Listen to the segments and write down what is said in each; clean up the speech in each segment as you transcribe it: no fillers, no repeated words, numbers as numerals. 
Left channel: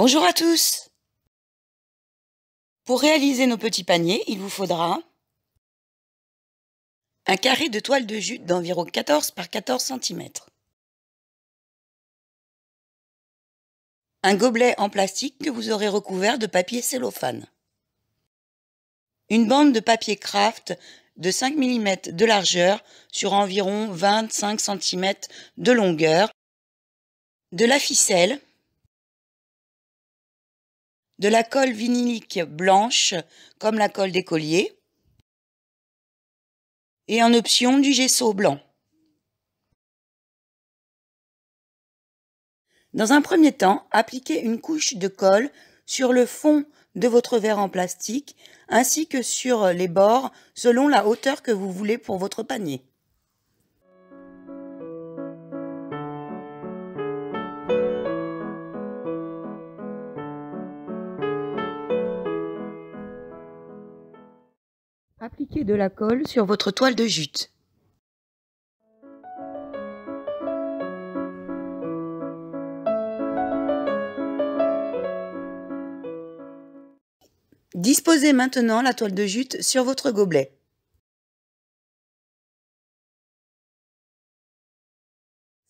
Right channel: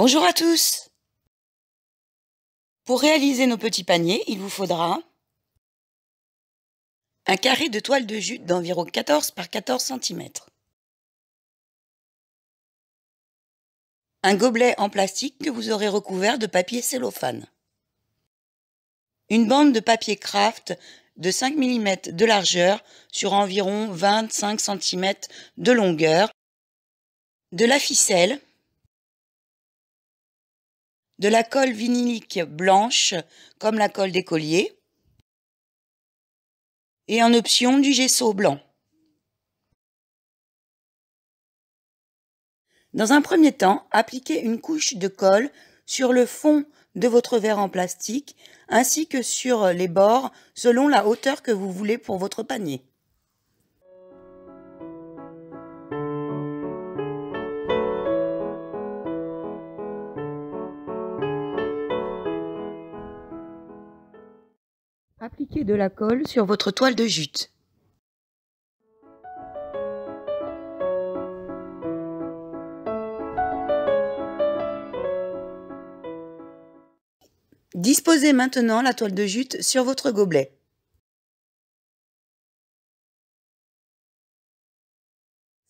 Bonjour à tous! Pour réaliser nos petits paniers, il vous faudra un carré de toile de jute d'environ 14 par 14 cm, un gobelet en plastique que vous aurez recouvert de papier cellophane, une bande de papier craft de 5 mm de largeur sur environ 25 cm de longueur, de la ficelle, de la colle vinylique blanche comme la colle d'écolier et en option du gesso blanc. Dans un premier temps, appliquez une couche de colle sur le fond de votre verre en plastique ainsi que sur les bords selon la hauteur que vous voulez pour votre panier. Appliquez de la colle sur votre toile de jute. Disposez maintenant la toile de jute sur votre gobelet.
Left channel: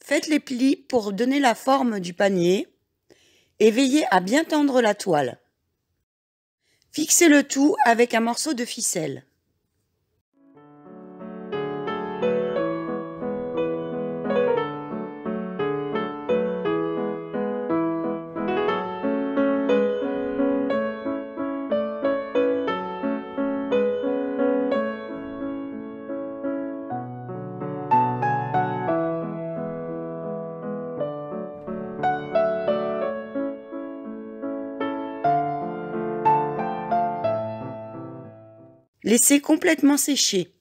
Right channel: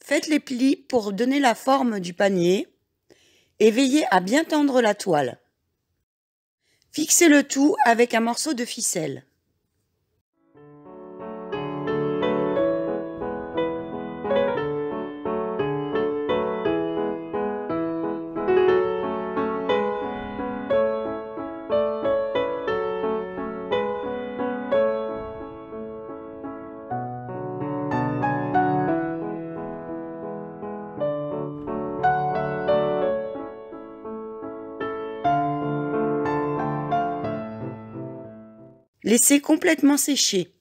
Faites les plis pour donner la forme du panier et veillez à bien tendre la toile. Fixez le tout avec un morceau de ficelle. Laissez complètement sécher.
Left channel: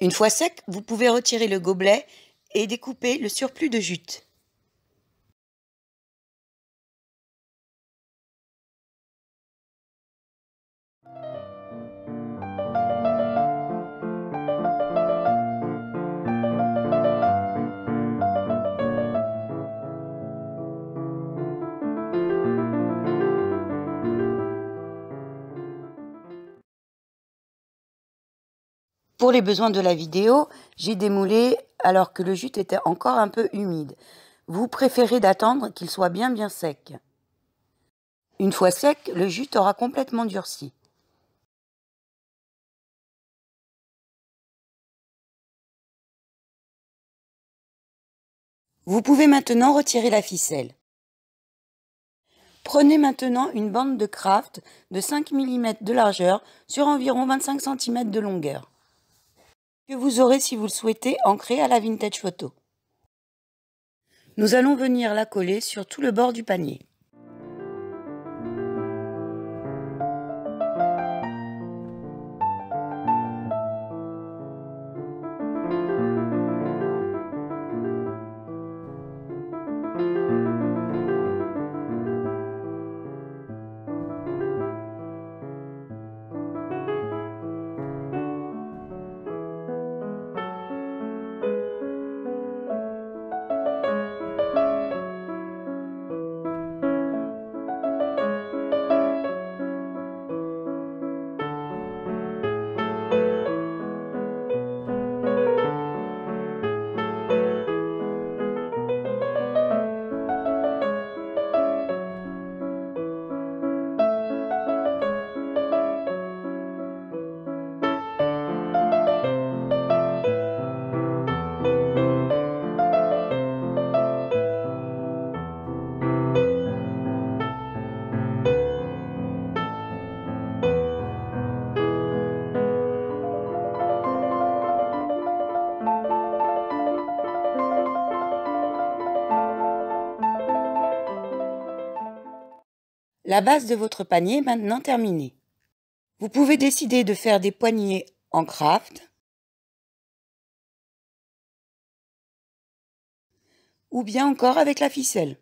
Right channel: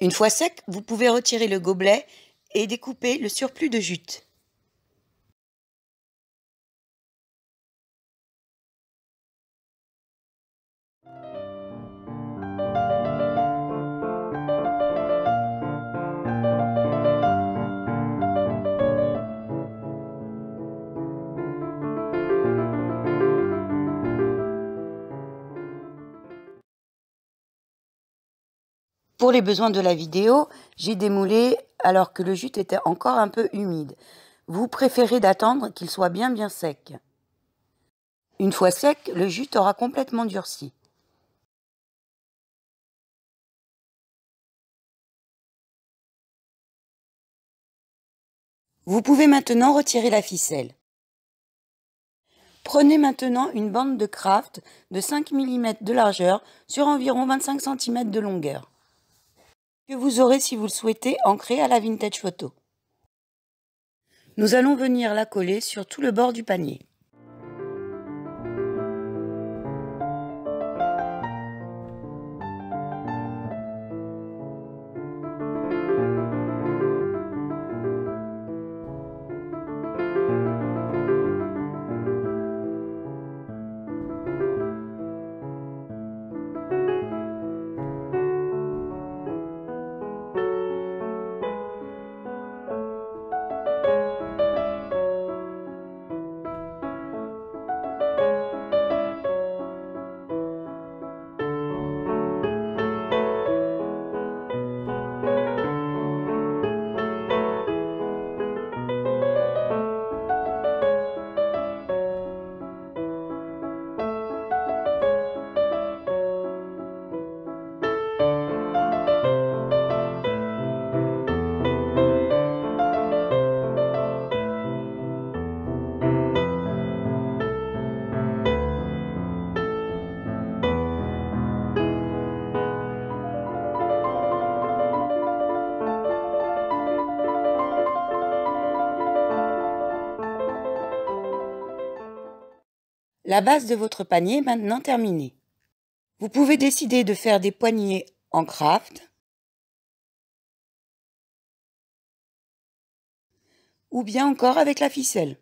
Une fois sec, vous pouvez retirer le gobelet et découper le surplus de jute. Pour les besoins de la vidéo, j'ai démoulé alors que le jute était encore un peu humide. Vous préférez d'attendre qu'il soit bien sec. Une fois sec, le jute aura complètement durci. Vous pouvez maintenant retirer la ficelle. Prenez maintenant une bande de craft de 5 mm de largeur sur environ 25 cm de longueur, que vous aurez, si vous le souhaitez, ancrée à la Vintage Photo. Nous allons venir la coller sur tout le bord du panier. La base de votre panier est maintenant terminée. Vous pouvez décider de faire des poignées en craft ou bien encore avec la ficelle.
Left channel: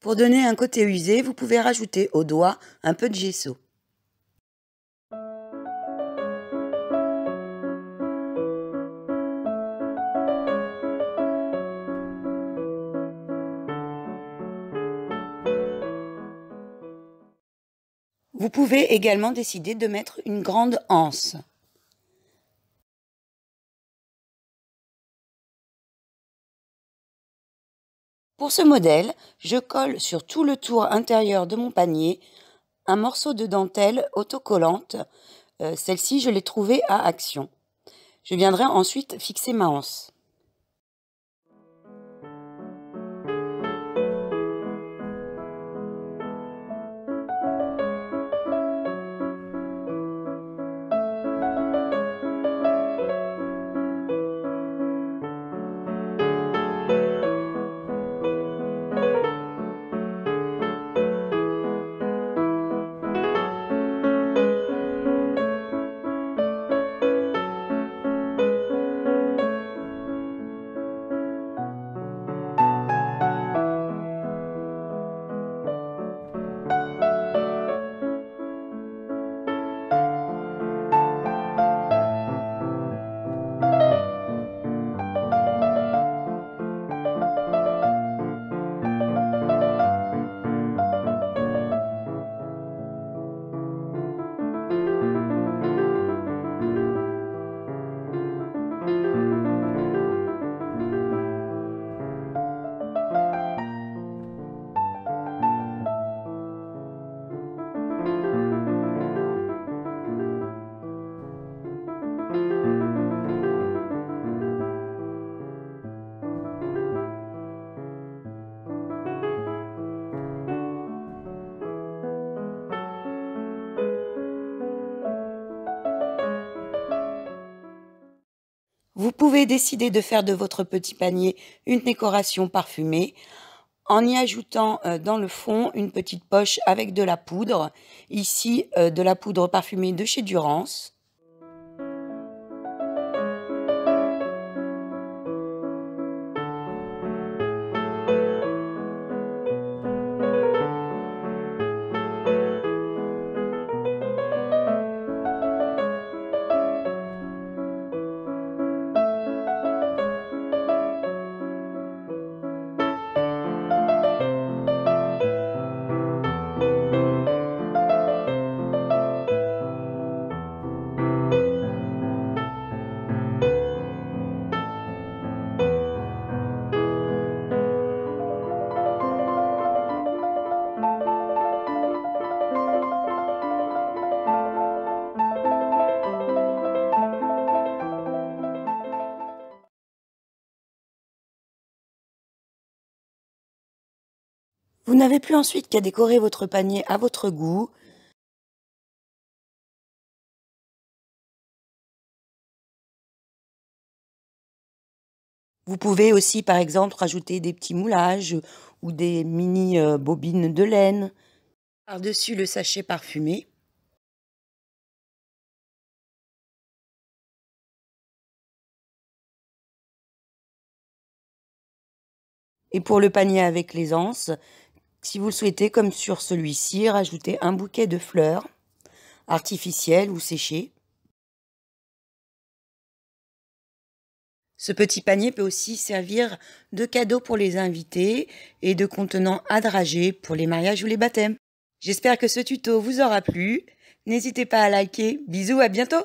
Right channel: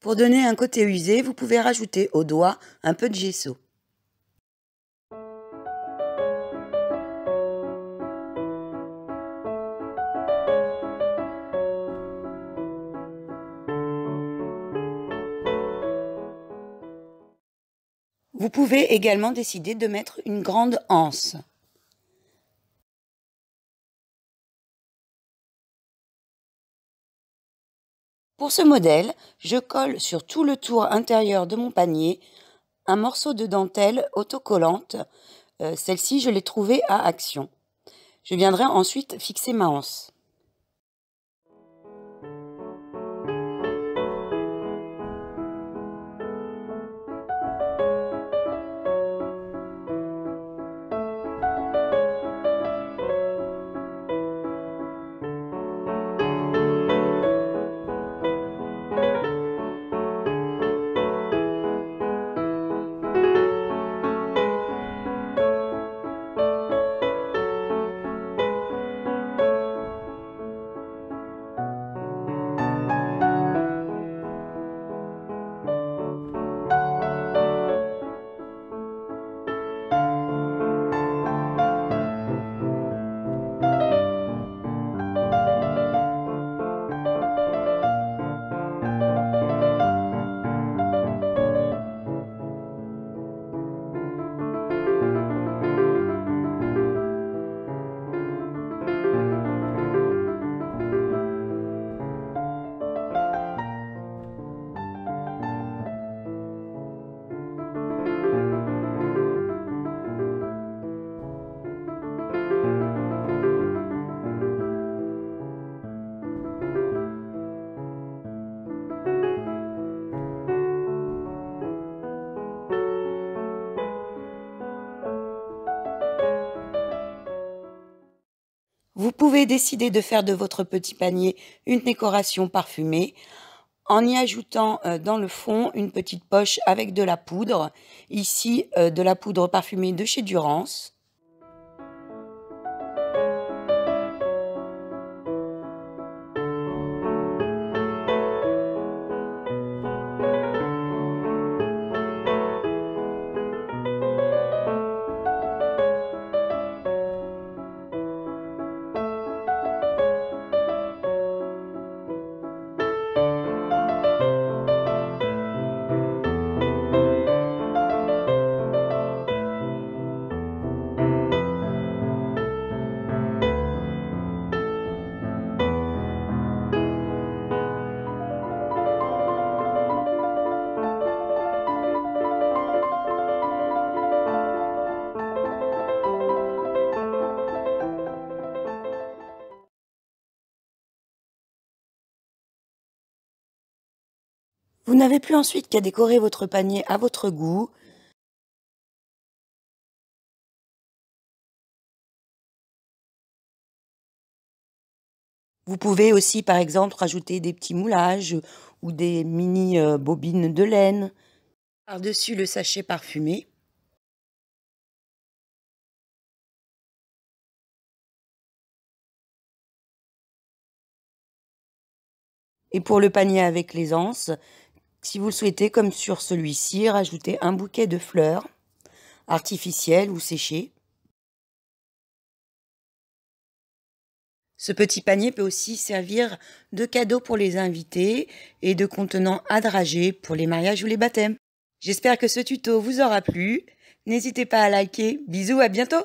Pour donner un côté usé, vous pouvez rajouter au doigt un peu de gesso. Vous pouvez également décider de mettre une grande anse. Pour ce modèle, je colle sur tout le tour intérieur de mon panier un morceau de dentelle autocollante. Celle-ci, je l'ai trouvée à Action. Je viendrai ensuite fixer ma anse. Vous pouvez décider de faire de votre petit panier une décoration parfumée en y ajoutant dans le fond une petite poche avec de la poudre. Ici, de la poudre parfumée de chez Durance. Vous n'avez plus ensuite qu'à décorer votre panier à votre goût. Vous pouvez aussi, par exemple, rajouter des petits moulages ou des mini bobines de laine par-dessus le sachet parfumé. Et pour le panier avec les anses, si vous le souhaitez, comme sur celui-ci, rajoutez un bouquet de fleurs artificielles ou séchées. Ce petit panier peut aussi servir de cadeau pour les invités et de contenant à drager pour les mariages ou les baptêmes. J'espère que ce tuto vous aura plu. N'hésitez pas à liker. Bisous, à bientôt!